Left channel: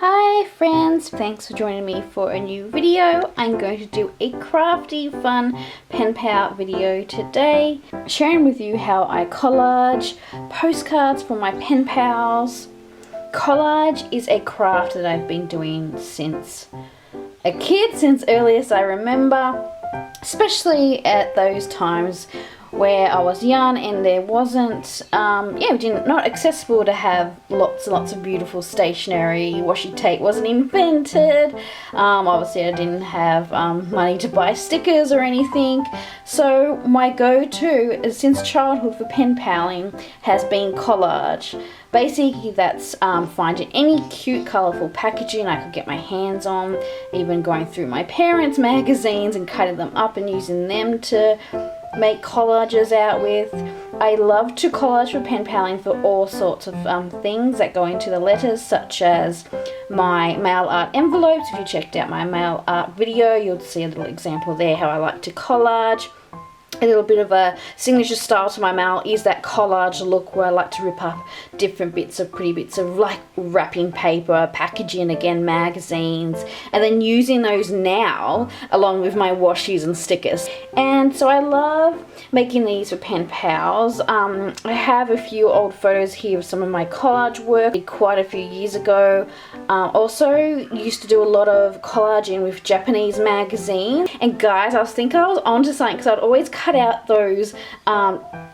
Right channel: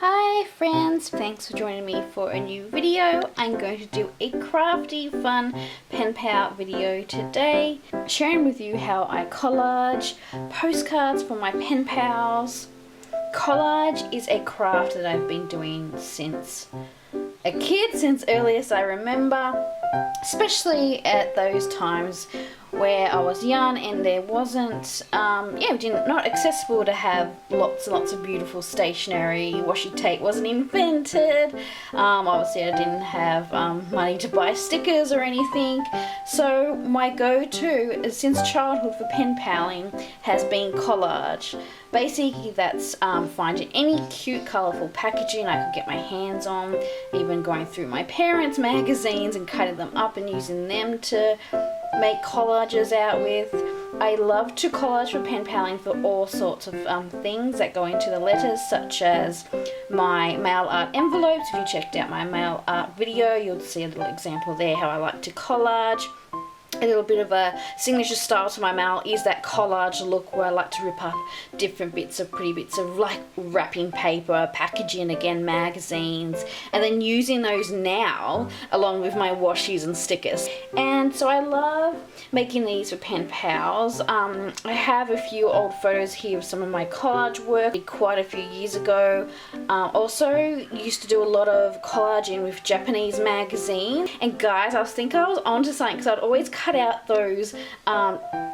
Hi friends, thanks for joining me for a new video. I'm going to do a crafty, fun pen pal video today, sharing with you how I collage postcards for my pen pals. Collage is a craft that I've been doing since a kid, since earliest I remember, especially at those times where I was young and there wasn't, not accessible to have lots and lots of beautiful stationery. Washi tape wasn't invented. Obviously I didn't have money to buy stickers or anything. So my go-to since childhood for pen paling has been collage. Basically that's finding any cute colourful packaging I could get my hands on, even going through my parents' magazines and cutting them up and using them to make collages out with. I love to collage for pen paling for all sorts of things that go into the letters, such as my mail art envelopes. If you checked out my mail art video, you'll see a little example there how I like to collage. A little bit of a signature style to my mail is that collage look where I like to rip up different pretty bits of like wrapping paper, packaging, again magazines, and then using those now along with my washies and stickers. And so I love making these for pen pals. I have a few old photos here of some of my collage work quite a few years ago. Also used to do a lot of collaging with Japanese magazines. And guys, I was thinking I was onto something because I'd always cut out those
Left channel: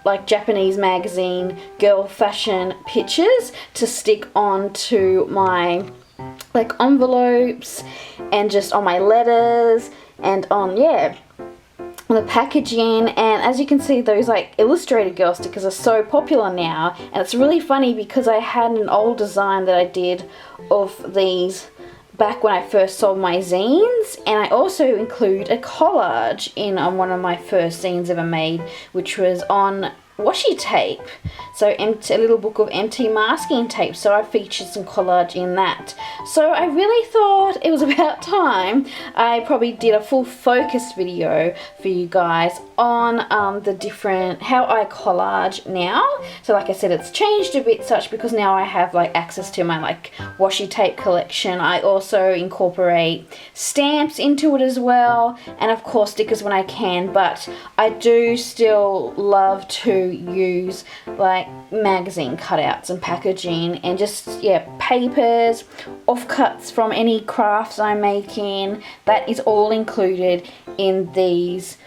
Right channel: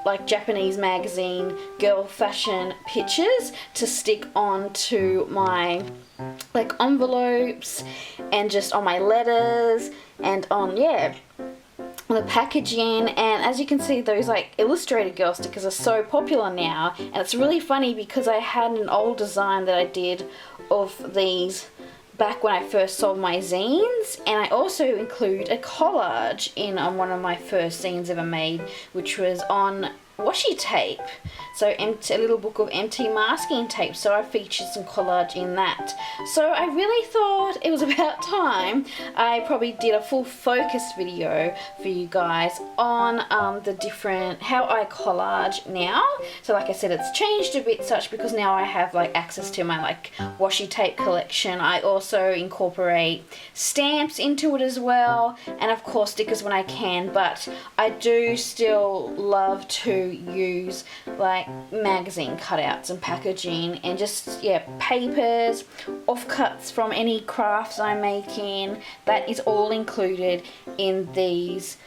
like Japanese magazine girl fashion pictures to stick onto my like envelopes and just on my letters and on the packaging. And as you can see, those like illustrated girl stickers are so popular now, and it's really funny because I had an old design that I did of these back when I first sold my zines, and I also include a collage in on one of my first zines ever made, which was on washi tape, so a little book of empty masking tape. So I featured some collage in that. So I really thought it was about time I probably did a full focus video for you guys on the different how I collage now. So like I said, it's changed a bit such because now I have like access to my like washi tape collection. I also incorporate stamps into it as well, and of course stickers when I can, but I do still love to use like magazine cutouts and packaging and just papers, offcuts from any crafts I'm making. That is all included in these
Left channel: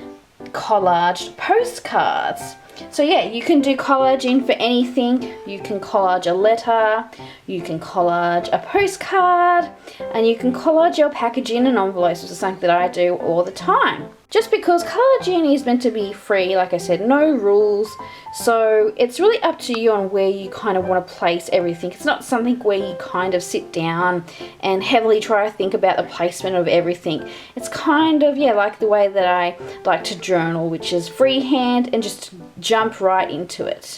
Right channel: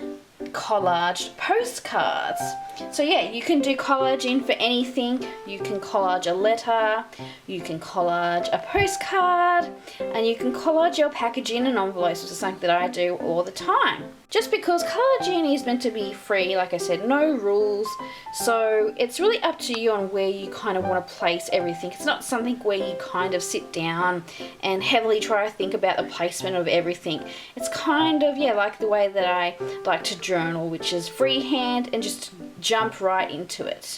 collaged postcards. So you can do collaging for anything. You can collage a letter, you can collage a postcard, and you can collage your packaging and envelopes, which is something that I do all the time. Just because collaging is meant to be free, like I said, no rules. So it's really up to you on where you kind of want to place everything. It's not something where you kind of sit down and heavily try to think about the placement of everything. It's kind of, like the way that I like to journal, which is freehand and just jump right into it.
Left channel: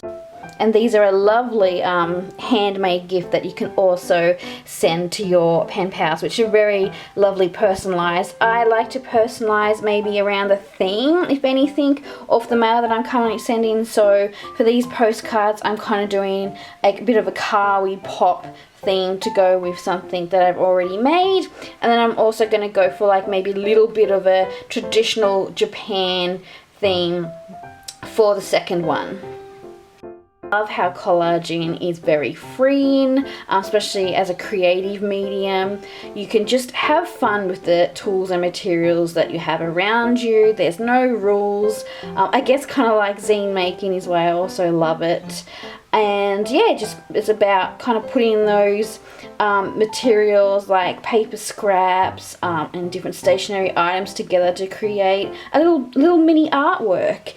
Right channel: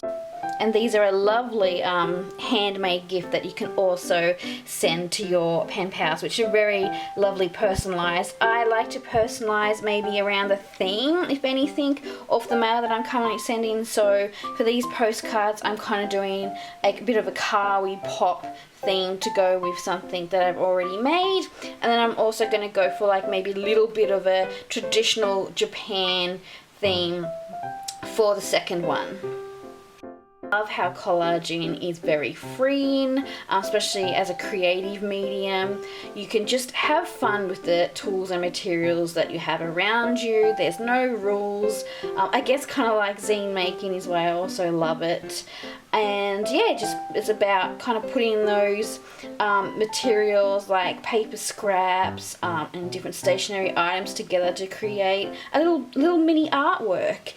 And these are a lovely handmade gift that you can also send to your pen pals, which are very lovely personalised. I like to personalise maybe around the theme, if anything, of the mail that I'm currently sending. So for these postcards, I'm kind of doing a bit of a kawaii pop theme to go with something that I've already made. And then I'm also going to go for like maybe a little bit of a traditional Japan theme for the second one. I love how collaging is very freeing, especially as a creative medium. You can just have fun with the tools and materials that you have around you. There's no rules. I guess kind of like zine making is why I also love it. And just it's about kind of putting those materials like paper scraps and different stationery items together to create a little mini artwork.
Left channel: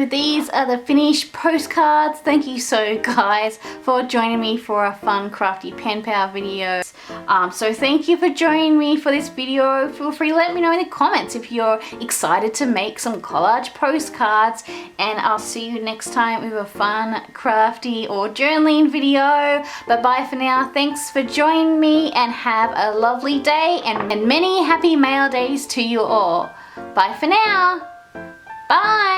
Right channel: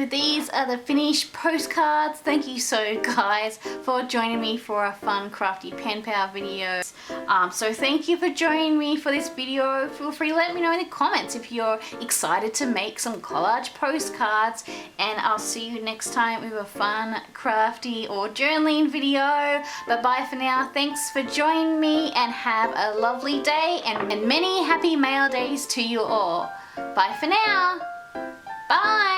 so these are the finished postcards. Thank you so guys for joining me for a fun crafty pen pal video. So thank you for joining me for this video. Feel free to let me know in the comments if you're excited to make some collage postcards, and I'll see you next time with a fun crafty or journaling video. But bye for now. Thanks for joining me and have a lovely day and many happy mail days to you all. Bye for now. Bye.